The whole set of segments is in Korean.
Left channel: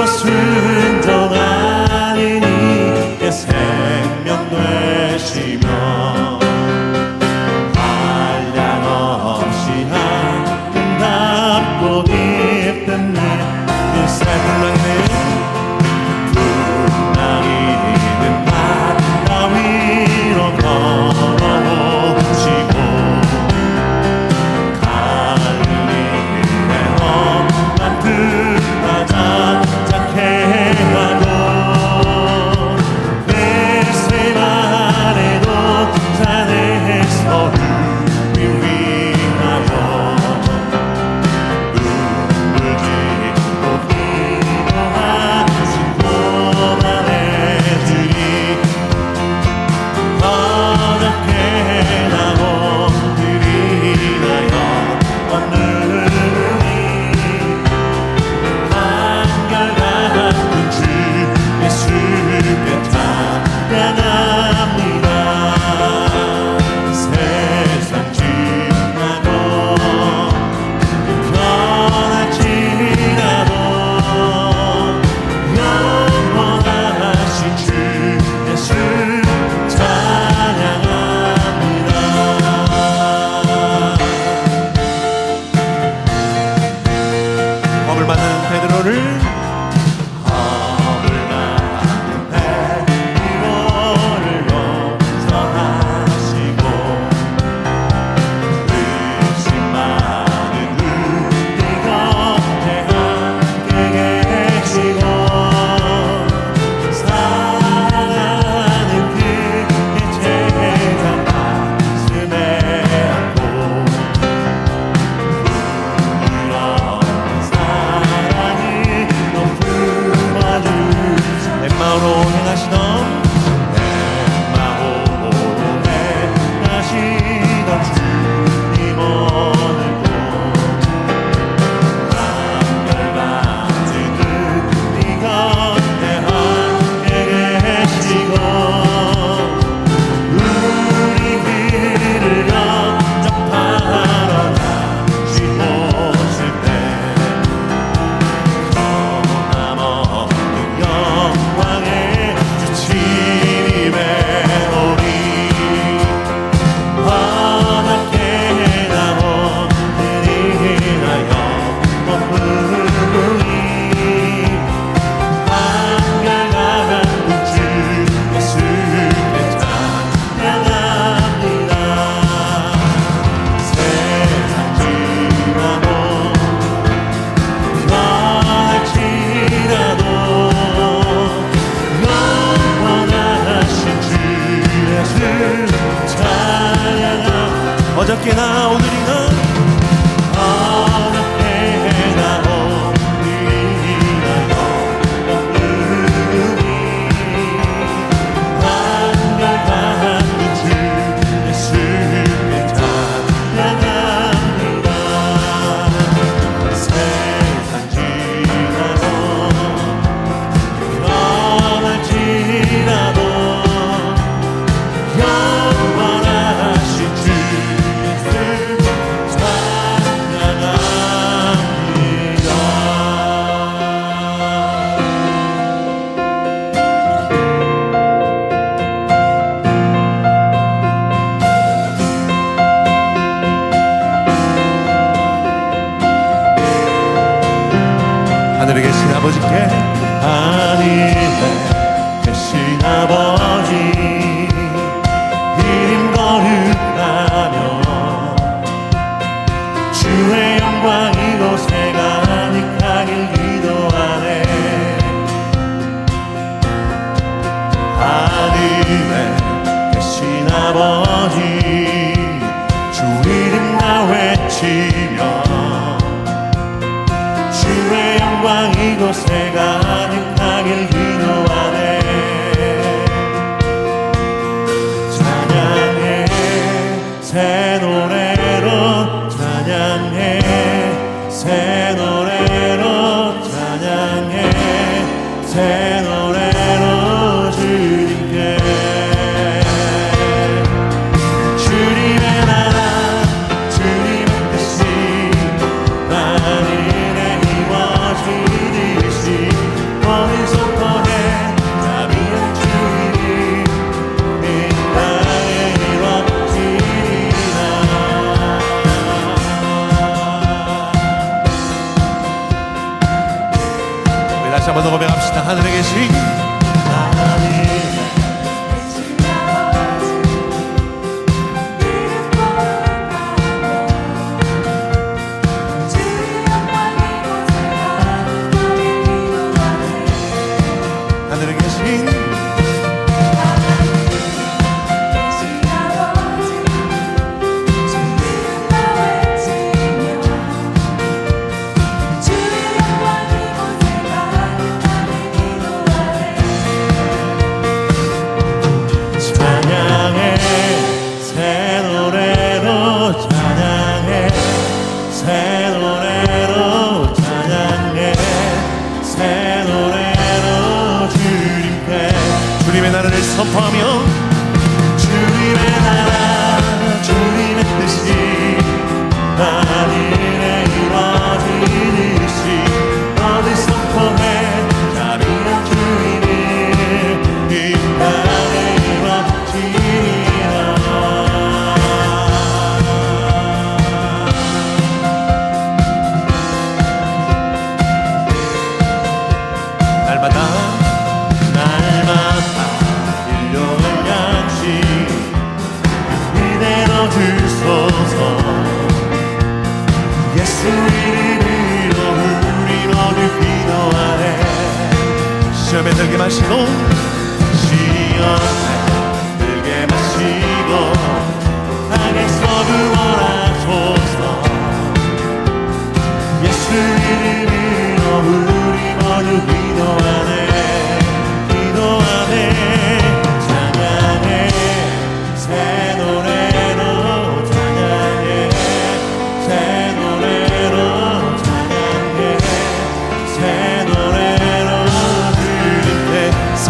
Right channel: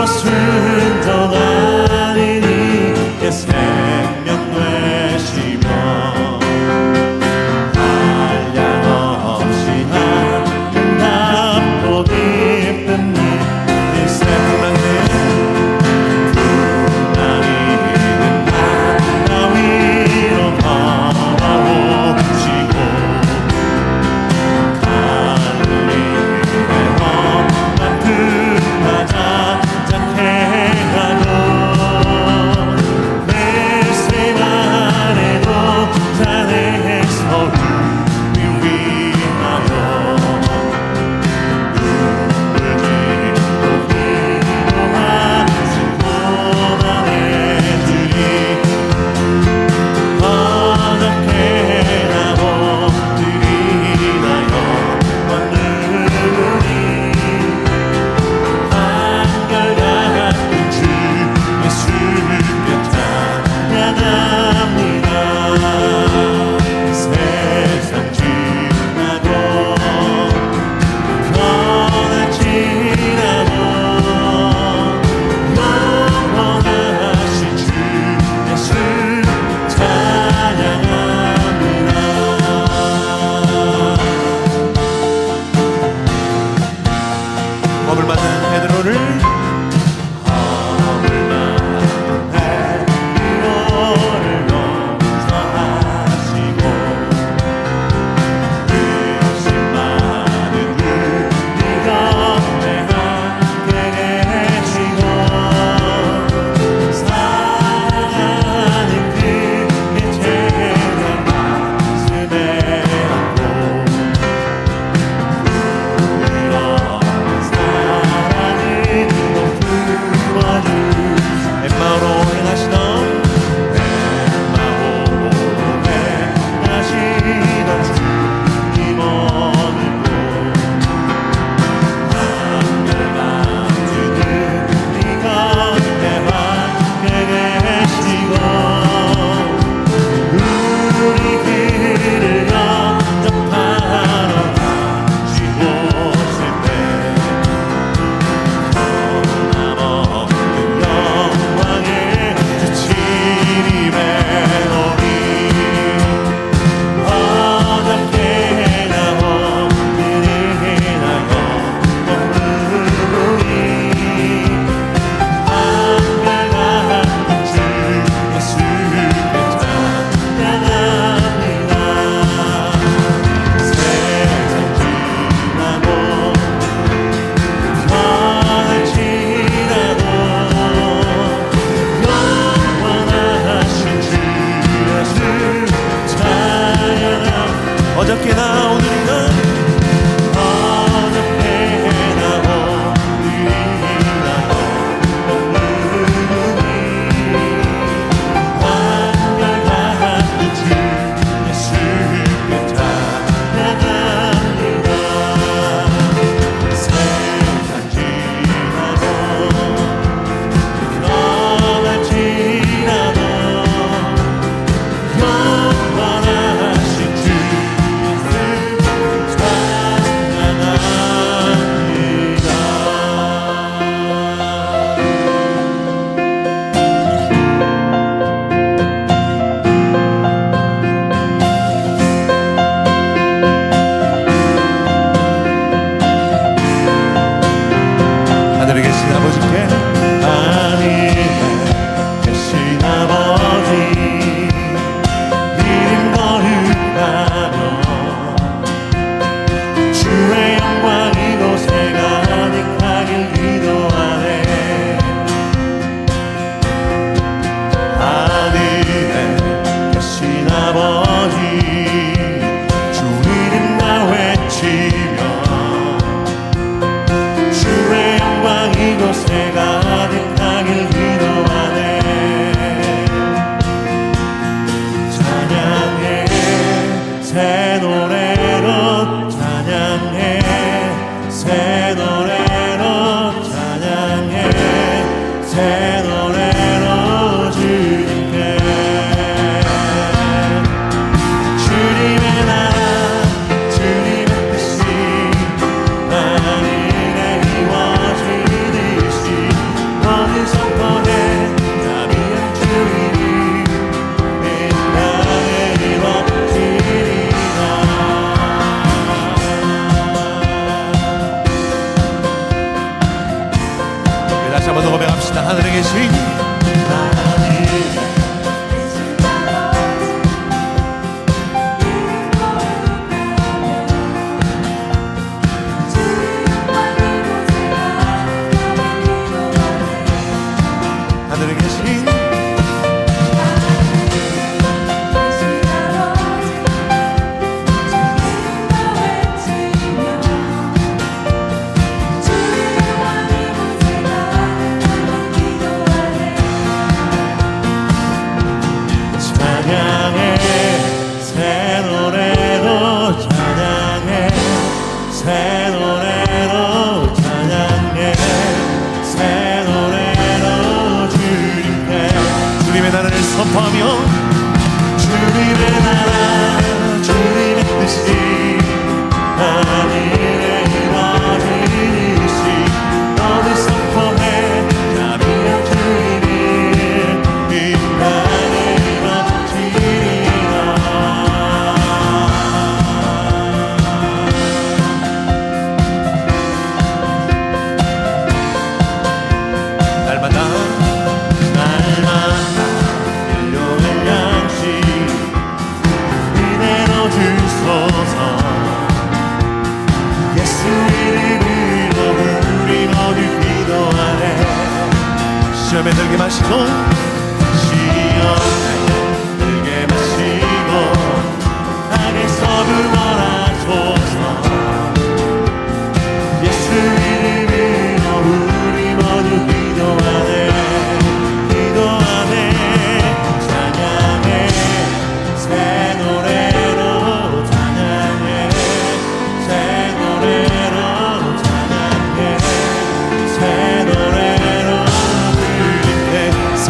것은 순종하리니 마음으로 행하시던 어저께나 오늘 한번 더 고백합시다. 하늘에 계신 하늘에 이루어지듯이 너를 선포해 자비한 주인을 이 땅에 이루어지리라. 날마다 날마다 일용할 양식 이대로 주소서 예수 이름으로 우리 모두 기도하네 시험에 들게 마시고 시험에 들게 마시고 악에서 구원하소서. 예수 이름으로 우리 모두 기도하네 기도하네 찬양해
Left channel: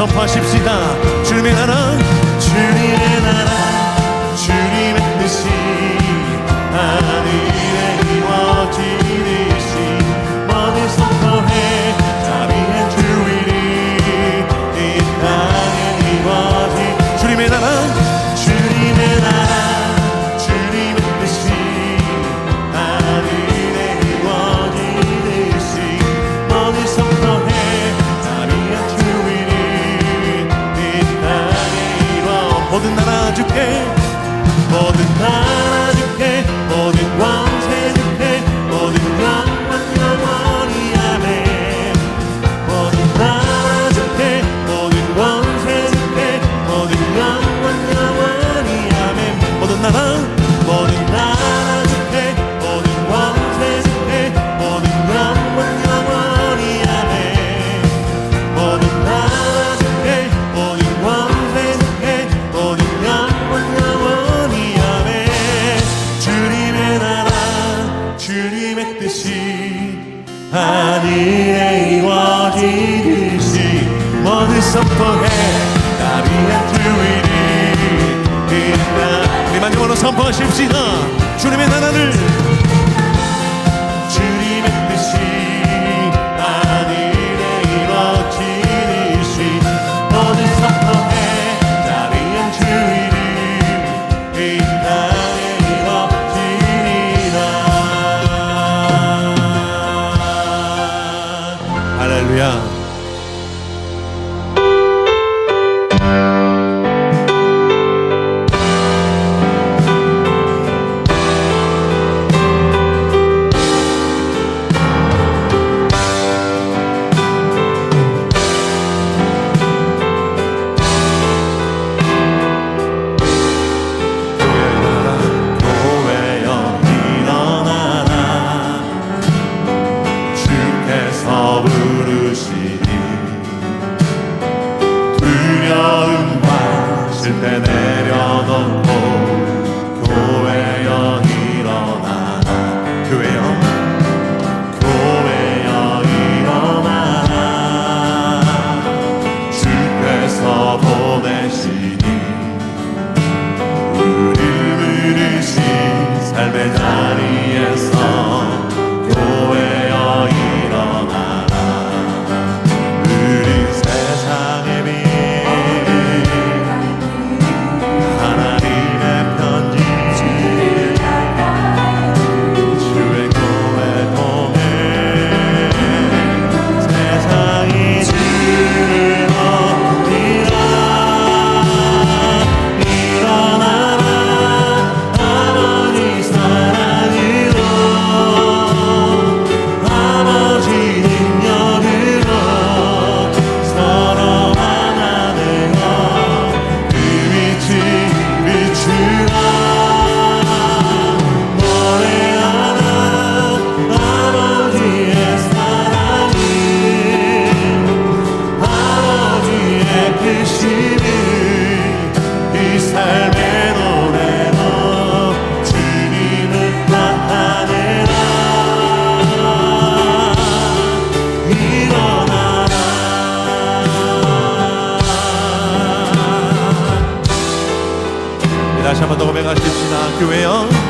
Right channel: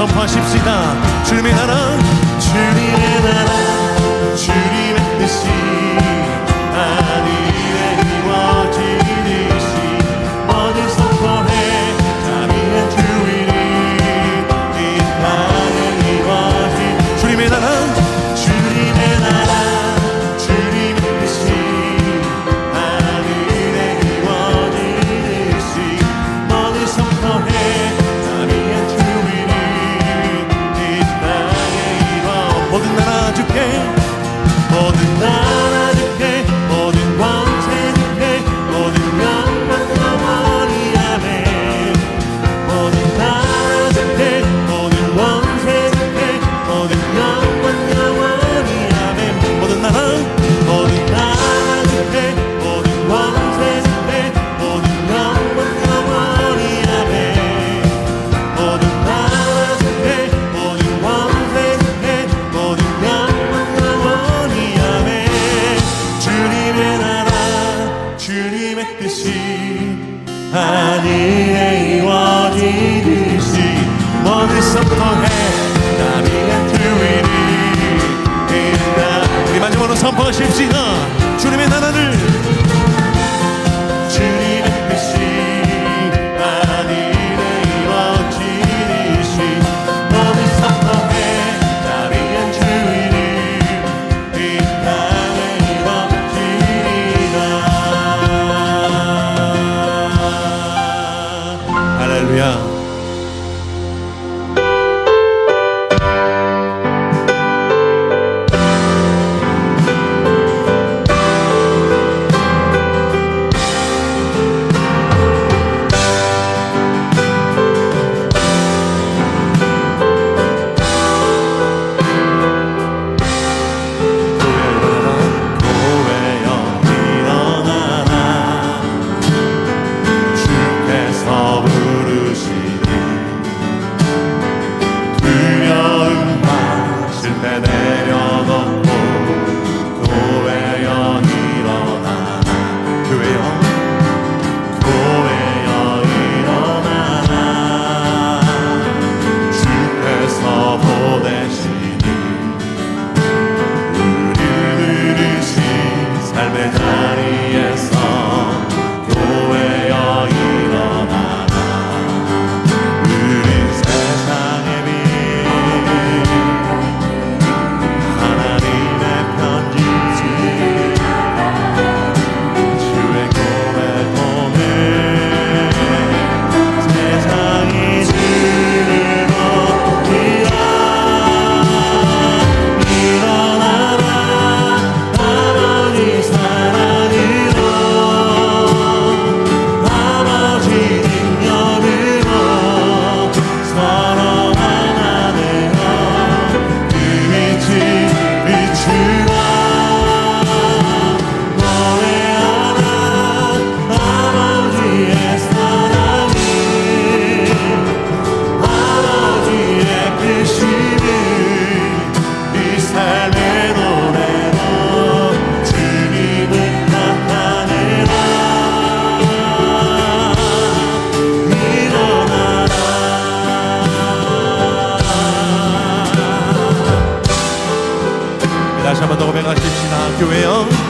선포하십시다. 주님의 나라 주님의 나라 주님의 뜻이 하늘에 이루어지듯이 모든 선포해 자비한 주인이 이 땅에 이루어지 주님의 나라 모든 나라 주께 모든 권세 주께 모든 영광 영원히 아멘 모든 나라 주께 모든 권세 주께 모든 영광 영원히 아멘 주님의 나라 주님의 뜻이 하늘에 이루어지듯이 모두 선포해 마지막으로 선포하십시다. 주님의 나라를. 주님 나가십시다 교회여.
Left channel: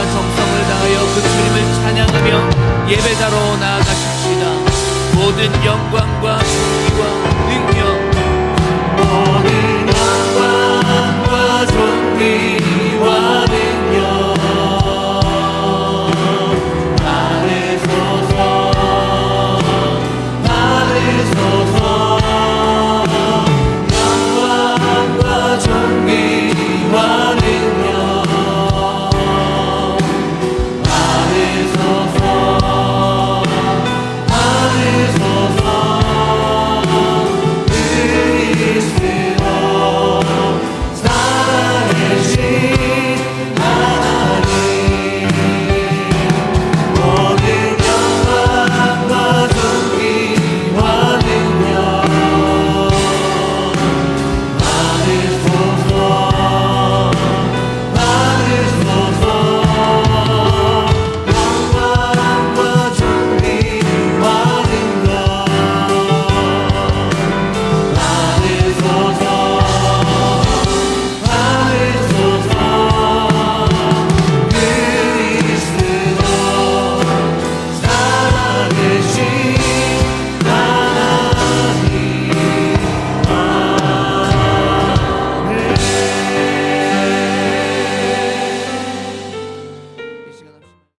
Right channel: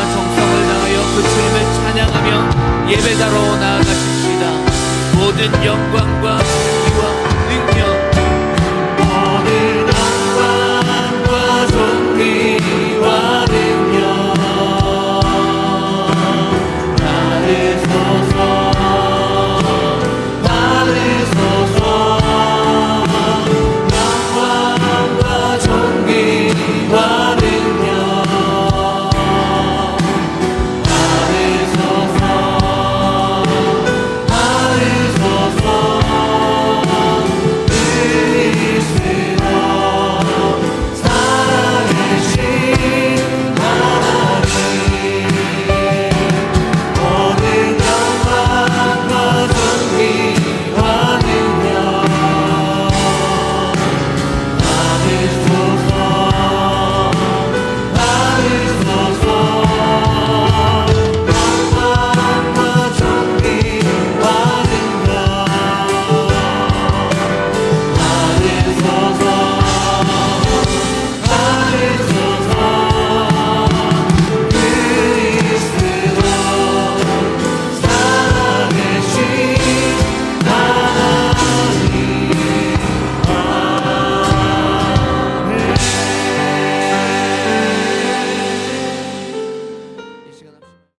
우리가 정성을 다하여 그 주님을 찬양하며 예배자로 나아가십시다. 모든 영광과 기와 능력. 모든 영광과 존귀